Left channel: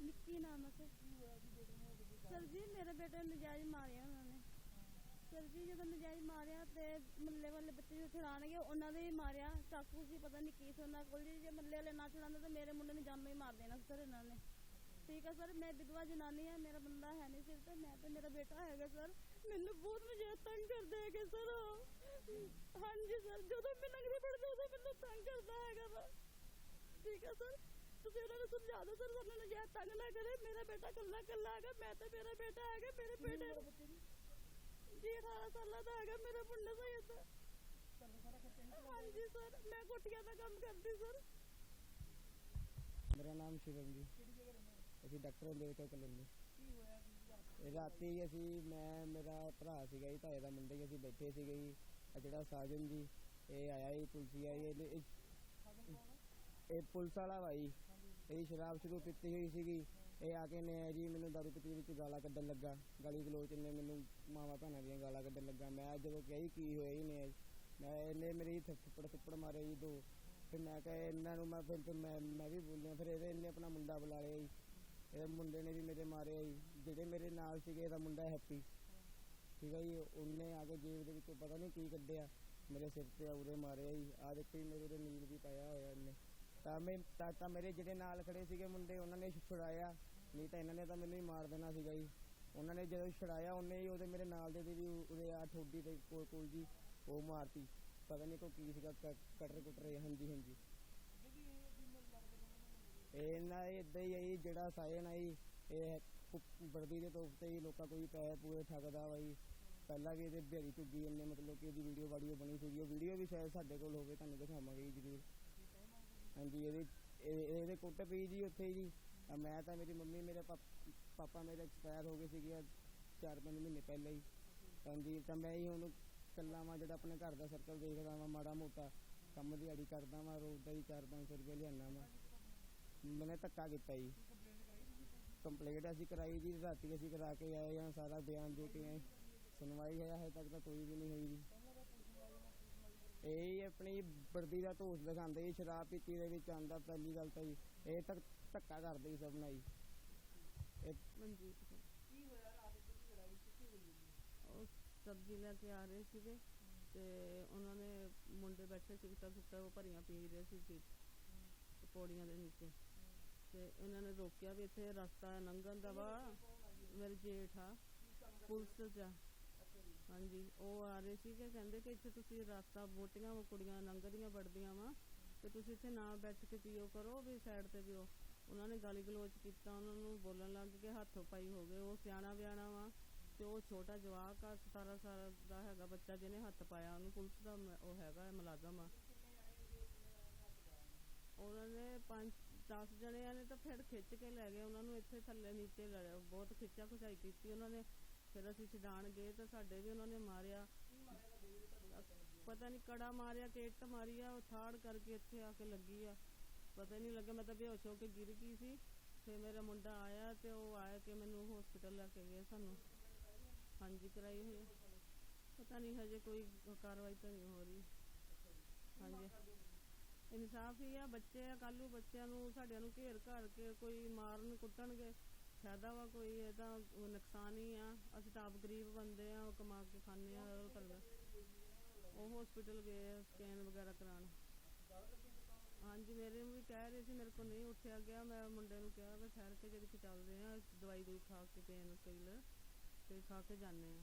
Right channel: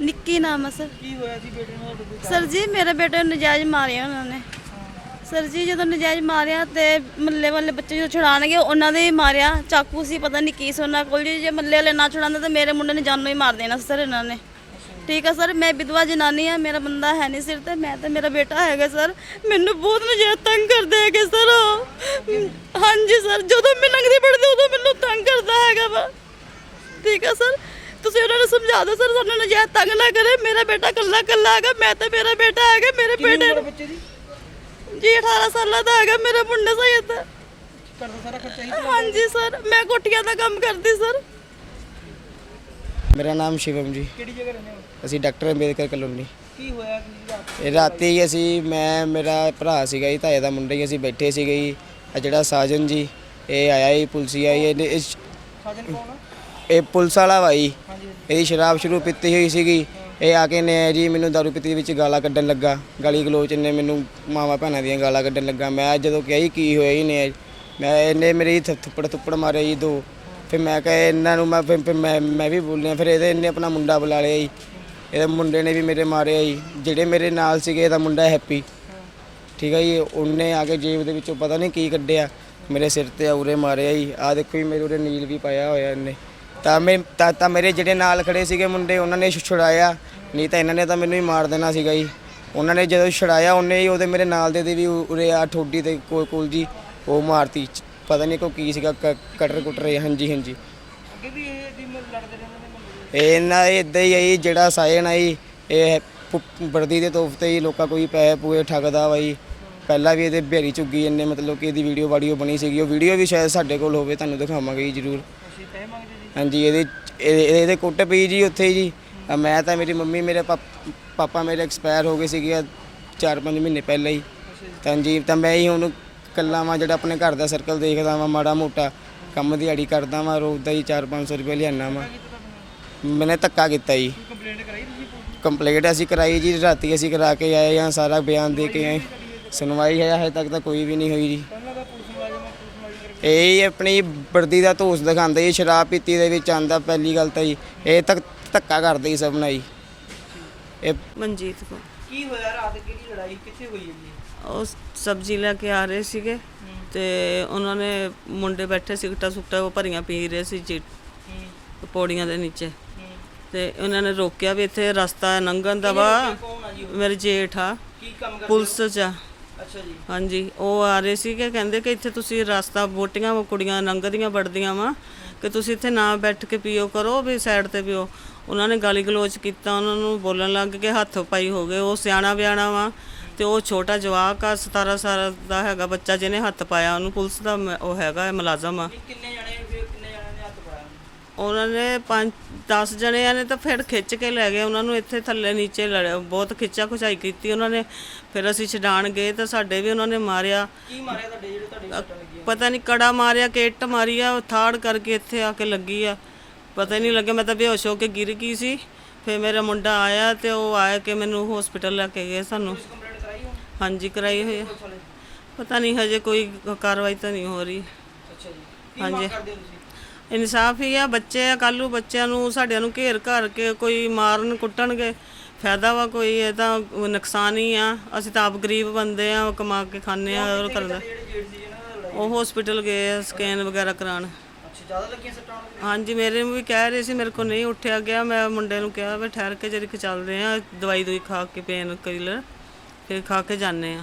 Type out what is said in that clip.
ਨਿੱਕੀ ਨਾਮ ਆ ਸਰ ਕੀ ਹੋਇਆ ਜੀ ਬੇਟੇ ਨੂੰ ਤੁਹਾਡੇ? ਸਰ ਜੀ ਮੇਰੇ ਬੇਟੇ ਨੂੰ ਨਜਾਇਜ਼ ਮਾਰਿਆ ਉਹਨਾਂ ਨੇ ਸਰ ਜੀ ਜਦੋਂ ਨਜਾਇਜ਼ ਮਾਰਿਆ ਤੇ ਮੱਲੇ ਵਾਲੇ ਬੱਚੇ ਜਦੋਂ ਛੁਡਾਣਗੇ ਉਹਨਾਂ ਦੇ ਹੀ ਮਾਰਿਆ। ਚਾਕੂ ਸੀ ਪਤਾ ਨਹੀਂ ਕੀ ਸੀ ਉਹਨਾਂ ਕੋਲ ਜੀ। ਜੇ ਮੱਲੇ ਵਾਲੇ ਨਾ ਛੁਡਾਉਂਦੇ ਤਾਂ ਮੇਰੇ ਮੁੰਡੇ ਨੇ ਜਾਨੋਂ ਹੀ ਮਾਰ ਦੇਣਾ ਸੀ ਸਰ ਇਹਨਾਂ ਨੇ। ਠੀਕ ਆ ਸਰ ਮੈਂ ਵਿਧਵਾ ਜਨਾਨੀ ਆ ਮੇਰਾ ਬੰਦਾ ਹੈ ਨਹੀਂ ਸਿਰ ਤੇ ਮੈਂ ਤੇ ਮੇਰਾ ਬੇਟਾ ਹੈਗਾ ਸਰ। ਮੈਨੂੰ ਬਹੁਤ ਨਜਾਇਜ਼ ਤੰਗ ਕਰਦੇ ਹੈਗੇ ਸਰ ਉਹ। ਹਾਂਜੀ ਸਰ ਜਦੋਂ ਮੈਂ ਲੰਘਦੀ ਪੜਦੀ ਉਦੋਂ ਮੈਨੂੰ ਤੰਗ ਕਰਦਾ ਹੈਗਾ ਵਾ। ਠੀਕ ਆ ਸਰ ਤੁਸੀਂ ਉਹਨਾਂ ਨੂੰ ਸਮਝਾ ਦਿਓ ਸਰ ਸਾਨੂੰ ਨਜਾਇਜ਼ ਤੰਗ ਨਾ ਕਰੇ। ਮੇਰਾ ਬੇਟਾ ਕੱਲਾ ਕੱਲਾ ਹੈਗਾ ਮੈਂ ਤੇ ਮੇਰਾ ਬੇਟਾ ਹੈਗਾ ਮੇਰੇ ਕਿੰਨੀ ਬੇਟੇ ਉਮਰ ਹੈ ਨੂੰ ਬੱਚੇ ਦੀ? ਜੀ 18 ਸਾਲਾਂ ਦਾ ਹੈਗਾ ਮੇਰਾ ਮੁੰਡਾ ਸਹੀ ਹੈ ਘਰ ਦਾ ਸਾਰਾ ਖਰਚਾ ਹੀ ਹਾਂਜੀ ਸਰ ਮੈਂ ਕੋਠੀਆਂ ਦਾ ਕੰਮ ਕਰਦੀ ਸਰ। ਮੇਰਾ ਨਾਮ ਸ਼ਿਵਮ ਜੀ। ਕਿਹੜੀ ਜਗ੍ਹਾ ਰਹਿੰਦੇ ਹੋ? ਅਸੀਂ ਡਾਕਟਰ ਅੰਬੇਦਕਰ ਕਲੋਨੀ। ਕੀ ਹੋਇਆ ਕੀ ਰਾਤ ਇਹ ਰਾਤੀ ਹੀ ਅਸੀਂ ਮੈਂ ਮੇਰਾ ਭਰਾ ਸੀਗਾ ਜੀ ਤਾਏ ਦਾ ਮੁੰਡਾ ਹੀ ਅਸੀਂ ਬੈਠੇ ਸੀਗੇ ਜੀ। ਆ ਜਿਹੜਾ ਸਾਜਨ ਜੀ ਇਹ ਆਇਆ ਜੀ ਪੁਲਸੀਆ ਜੀ ਇਹਨੇ ਇਸ- ਸਾਜਨ ਕੌਣ ਆ? ਇਹ ਪੁਲਿਸ ਵਾਲਾ ਭਾਈ ਹਾਂਜੀ ਇਹਦੀ ਸ਼ਰਾਬ ਸ਼ੁਰੂ ਪੀਤੀ ਹੋਈ ਸੀਗੀ। ਇਹ ਆ ਕੇ ਨੇ ਜੀ ਮੈਨੂੰ ਦਾਰੂ ਪੀਤੀ ਵਿੱਚ ਗਾਲਾਂ ਕੱਢਣ ਲੱਗਾ। ਗਾਲੀ ਗਲੋਚ ਨੇ ਮੈਨੂੰ ਮਾਵਾ ਭੈਣਾਂ ਦੀਆਂ ਗਾਲਾਂ ਕੱਢਣ ਲੱਗਾ। ਮੈਂ ਜਦੋਂ ਕਿਹਾ ਜੀ ਕੀ ਹੋਇਆ ਹੀ ਨੇ, ਮੈਂ ਇਹਨੇ ਮੇਰੇ ਥ- ਥੱਪੜ ਥੁੱਪੜ ਮਾਰੇ ਜੀ ਦੋ। ਫਿਰ ਮੈਂ ਕਿਹਾ ਇਹਨਾਂ ਨੂੰ ਮੈਂ ਫਿਰ ਫਿਰ ਮੈਂ ਮੈਂ ਵੀ ਬੋਲਿਆ, ਫਿਰ ਇਹਦੇ ਇਹਨੇ ਆਪਣਾ ਮੁੰਡਾ ਬੁਲਾ ਲਿਆ ਜੀ। ਇਹਦੇ ਮੁੰਡੇ ਨੇ ਵੀ ਮੇਰੇ ਮਾਰਿਆ ਜੀ। ਜਿਹੜੇ ਮੇਰੇ ਨਾਲ ਸੀਗੇ ਇਹਦਾ ਮੁੰਡਾ ਹੈਪੀ। ਠੀਕ ਹੈ ਜੀ, ਉਹਨੇ ਆ ਕੇ ਜੇਬ ਦੇ ਵਿੱਚੋਂ ਪਤਾ ਨਹੀਂ ਕੀ ਕੱਢਿਆ। ਮੇਰੇ ਸਿਰ ਤੇ ਉਰੇ ਮਾਰਿਆ ਜੀ। ਆ ਦੇਖੋ ਜੀ, ਮੇਰੇ ਉਰੇ ਨੀਲ ਵੀ ਪਾਇਆ ਹੋਇਆ ਇਹਨੇ। ਤਾਂ ਮੈਂ ਤਾਂ ਤਾਂ ਮੇਰੇ ਜਿਹੜੇ ਨਾਲ ਖੜੇ ਸੀਗੇ ਮੁੰਡੇ ਉਹਨਾਂ ਨੇ ਛੁਡਾਇਆ। ਨਹੀਂ ਤਾਂ ਇਹਨਾਂ ਨੇ ਤਾਂ ਮੈਨੂੰ ਹੀ ਮਾਰ ਦੇਣਾ ਸੀਗਾ ਜੀ। ਉਹਨਾਂ ਨੇ ਜਦੋਂ ਛੁਡਾਇਆ ਉਹਨੇ ਹੀ ਉਹਦੇ ਮੇਰੇ ਨਾਲ ਦੇ ਦੇ ਵੀ ਉਰੇ ਆ ਠੋਡੀ ਤੇ ਕੋਲ ਕੋਲ ਜੀ ਉਹ ਮਾਰਤੀ। ਪਤਾ ਨਹੀਂ ਕੋ ਕੀ ਸੀਗਾ ਕਟਰ ਕੁਟਰ ਹਾਂਜੀ ਹਾਂਜੀ। ਅੱਗੇ ਵੀ ਇਹ ਦੀ ਲੜਦੇ ਰਹਿੰਦੇ ਨੇ ਇਹਨਾਂ ਇਦਾਂ ਹੀ ਜੀ ਜਿਹੜਾ ਸਾਇਨ ਆ ਜੀ ਇਹ ਵਰਦੀ ਦੇ ਤੋਫ ਤੇ ਹੀ ਲੋਕਾਂ ਕੋਈ ਪੈਸੇ ਪੂਏ ਠੱਗਦਾ ਜੀ। ਪਹਿਲਾਂ ਵੀ ਇਹਦੇ ਬੇਰੀ ਚੁੱਗੀ ਇਹਨੇ ਮਤਲਬ ਕਿ ਇਹਦੀ ਵੀਡੀਓ ਵਾਡੀਓ ਬਣੀ ਸੀਗੀ। ਉਹ ਵੀਡੀਓ ਵੀ ਸ਼ਾਇਦ ਸਾਡੇ ਕੋਲ ਹੋਵੇ ਤੁਹਾਨੂੰ ਦਿਖਾਵਾਂਗੇ ਜੀ ਜ਼ਰੂਰ। ਪੈਸੇ ਮੰਗਦੇ ਹਾਂਜੀ ਇਹਦੇ ਇਹਦੇ ਇਹਦੇ ਕੁੱਟ ਪਈ ਜੀ ਉੱਥੇ ਜੀ। ਮੈਂ ਤਾਂ ਮੇਰੀ ਮੰਮੀ ਮੇਰੇ ਪਾਪ- ਪਾਪਾ ਮੇਰੇ ਐਕਸਪਾਇਰ ਹੋ ਗਏ ਸੀਗੇ 4-5 ਮਹੀਨੇ ਪਹਿਲਾਂ ਹੀ। ਤਾਂ ਜੀ ਤਾਂ ਮੈਂ ਹੀ ਹੁਣ ਕੱਲਾ ਵਾਂ ਜਿਹੜਾ ਆਪਣੇ ਘਰ ਦਾ ਸਰਕਲ ਦੇਖਦਾ ਵਾਂ ਮਾੜਾ ਮੋਟਾ ਕੰਮ ਦਿਹਾੜੀ ਕਰਦਾ ਵਾਂ ਰੋਜ਼ ਦਾ ਹੀ 4-500 ਰੁਪਏ ਲਿਆਣਾ ਵਾਂ। ਮੈਨੇ ਧੱਕਾ ਕੀਤਾ ਜੀ। ਕੰਪਲੇਂਟ ਕਰਾਈ ਤੁਸੀਂ ਪੁਲਿਸ ਕੰਪਲੇਂਟ ਅਸੀਂ ਕਰਾਈ ਜੀ ਰਾਤੀ ਅਸੀਂ ਕਰਾ ਕੇ ਆਏ ਹਾਂ ਸਾਰਾ ਬਿਆਨ ਦੇ ਕੇ ਆਏ। ਸੁਣਵਾਈ ਹੈ ਹਜੇ ਤੱਕ ਤਾਂ ਕੋਈ ਵੀ ਨਹੀਂ ਹੋਈ ਜੀ ਦਾ ਪੁਲਿਸ ਮੁਲਾਜ਼ਮ ਆ, ਪੁਲਿਸ ਮੁਲਾਜ਼ਮ ਕਰਕੇ ਇਹ ਆਪਣੀ ਵਰਦੀ ਦਾ ਧੋਸ ਦਿਖਾਉਂਦੇ ਜੀ ਸ਼ਰਾਬ ਪੀਤੀ ਦੇ ਵਿੱਚ ਆਂਦਾ ਪਹਿਲੀ ਗੱਲ ਤਾਂ ਜੀ ਇਹ ਤੱਕ ਧੱਕਾ ਕਰਦੇ ਜੀ ਸਭ ਨਾਲ ਜੀ। ਇਹ ਮਨਜੀਤ ਕੋ ਕੀ ਹੋਇਆ ਰਾਤ ਕਿਹੜੀ ਲੜਾਈ ਕਿੱਥੇ ਹੋਈ ਹੈ ਜੀ ਉਹ ਸਬਜ਼ੀ ਲੈ ਕੇ ਆ ਰਹੇ ਸੀਗੇ ਤੇ ਉਹਨਾਂ ਨੇ ਮੁੰਡੇ ਬੈਠੇ ਸਿਗਟਾ ਸੁਕਟਾ ਉਹ ਭਰੀਆਂ ਪੀ ਰਹੇ ਸੀ ਜੀ ਪੌੜੀਆਂ ਦੇ ਨੀਚੇ। ਤੇ ਉਹਨਾਂ ਨੇ ਰੋਕਿਆ ਵੀ ਇੱਥੇ ਰਸਤਾ ਲੰਘਣ ਦਾ ਵਾ? ਮੇਰੇ ਜੇਠ ਆ। ਕੀ ਕੰਮ ਕਰਦੇ ਪੁਲਿਸ ਚ ਆ। ਹਾਂਜੀ ਉਹ ਆ ਰਹੇ ਸੀਗੇ ਕਹਿੰਦੇ ਕਿ ਇੱਥੇ ਤੁਸੀਂ ਰਸਤਾ ਵੋਟੀਆਂ ਕੁੜੀਆਂ ਲੰਘਦੀਆਂ ਵੜਦੀਆਂ ਵਾ ਕਿ ਤੁਸੀਂ ਇੱਥੇ ਨਾ ਬੈਠ ਕੇ ਪੀਓ ਕਰੋ ਵੀ ਸਾਈਡ ਤੇ ਪੀਓ। ਉਹਨਾਂ ਨੇ ਗਾਲੀ ਗਲੋਚ ਕੀਤਾ ਉਹਨਾਂ ਨੂੰ ਬੋਲਣ ਲੱਗ ਕੇ ਹੱਥ ਪਾਈ ਹੋ ਗਏ। ਉਹ ਸਿਆਣਾ ਬਿਆਣਾ ਵਾ ਤੇ ਉਹ ਛੋਟਾ ਜਵਾਕ ਆ 17 ਸਾਲ ਦਾ ਹੈਗਾ ਬੱਚਾ ਜਿਹਨੇ ਹੱਥ ਪਾਇਆ ਉਹਨੂੰ ਪੁਲਿਸ ਦਾ ਉਹ ਹੈਗਾ ਮੁਲਾਜ਼ਮ ਆ। ਕਿੰਨੇ ਜਣੇ ਫਿਰ ਕਿੰਨੇ ਜਣੇ ਨੇ ਹੱਥ ਪਾਇਆ ਉਹਨਾਂ ਨੇ ਪੰਜ 10 ਜਣਿਆਂ ਨੇ ਤਾਂ ਫਿਰ ਖਿੱਚ ਕੇ ਲੈ ਗਏ ਉਹਨਾਂ ਨੂੰ ਇੱਥੇ ਥੱਲੇ ਨੀਚੇ ਲੜਿਆ ਬਹੁਤ ਖਿੱਚਾ ਖੁਚਾਈ ਕੀਤੀ ਉਹਨਾਂ ਨੇ ਫਿਰ ਅਸੀਂ ਛਡਾਣ ਗਏ ਤਾਂ ਸਾਡੇ ਵੀ ਉਹਨਾਂ ਨੇ ਮਾਰਿਆ। ਕੀ ਮਾਰਿਆ ਤੁਹਾਡੇ ਜਿਹੜੇ ਤੁਹਾਡੇ ਸੱਟਾਂ ਲੱਗੀਆਂ ਪਤਾ ਨਹੀਂ ਕੜਾ ਮਾਰਿਆ ਕਿ ਇੱਟ ਮਾਰੀ ਆ ਉਹ ਥਾੜ ਕਰਕੇ ਇੱਥੇ ਆ ਕੇ ਲੱਗੀ ਆ। ਪਤਾ ਹੀ ਨਹੀਂ ਲੱਗਿਆ ਮੈਂ ਤਾਂ ਬੇਹੋਸ਼ ਹੋ ਕੇ ਗਿਰ ਗਈ ਸੀ। ਫਿਰ ਮੇਰਾ ਮੁੰਡਾ ਆਇਆ ਤੇ ਉਹ ਆਇਆ ਕਿ ਮੈਨੂੰ ਹਸਪੀਟਲ ਲੈ ਕੇ ਗਏ ਸਾਨੂੰ। ਕੰਪਲੇਂਟ ਕਰਾਈ ਹੁਣ? ਹਾਂਜੀ ਕਰਾਈ ਹੋਈ ਪੁਲਿਸ ਵਾਲੇ? ਪਤਾ ਨਹੀਂ ਹਜੇ ਕੋਈ ਕਾਰਵਾਈ ਤਾਂ ਨਹੀਂ ਹੋ ਰਹੀ। ਅੱਛਾ ਜੀ। ਕੀ ਹਾਂਜੀ। ਮੰਗ ਕਰਦੇ ਹੋ ਤੁਸੀਂ? ਇਨਸਾਫ ਹੀ ਆ ਬੱਚੇ ਆ ਕੱਲੂ ਬੱਚਿਆਂ ਨੂੰ ਸਾਡਿਆਂ ਨੂੰ ਘੇਰ ਘਰ ਕੇ ਕੋਈ ਮਾਰਨ ਕੁੱਟਣਗੇ ਫਾਇਦਾ ਵਾ ਕੋਈ ਇਹ ਤਾਂ ਨੁਕਸਾਨ ਹੀ ਆ। ਅਸੀਂ ਤਾਂ ਆਪ ਗਰੀਬ ਬੰਦੇ ਆ ਕਮਾ ਕੇ ਖਾਂਦੇ ਆ ਔਰ ਕਰਦਾ। ਜਿਹੜੇ ਉਹ ਹਸਪੀਟਲ ਗਏ ਆ ਸਕੈਨ ਵਗੈਰਾ ਜ਼ਿਆਦਾ ਲੱਗੀਆਂ ਸੱਟਾਂ ਦੇ? ਹਾਂਜੀ ਮੇਰੇ ਨੂੰ ਵੀ ਕਹਿ ਰਹੇ ਸੀ ਮੇਰੇ ਕੋ ਨਹੀਂ ਉੱਠਿਆ ਗਿਆ ਮੈਂ ਮੁੰਡੇ ਨੂੰ ਕਿਹਾ ਵੀ ਠਹਿਰ ਕੇ ਜਰੀ ਕਿ ਚੱਲਦੇ ਆ ਦਵਾਈ ਦੂਈ ਖਾ ਕੇ ਪੇਨ ਕਿਲਰ ਫਿਰ ਖਾ ਕੇ ਜਾਂਦੇ ਆ।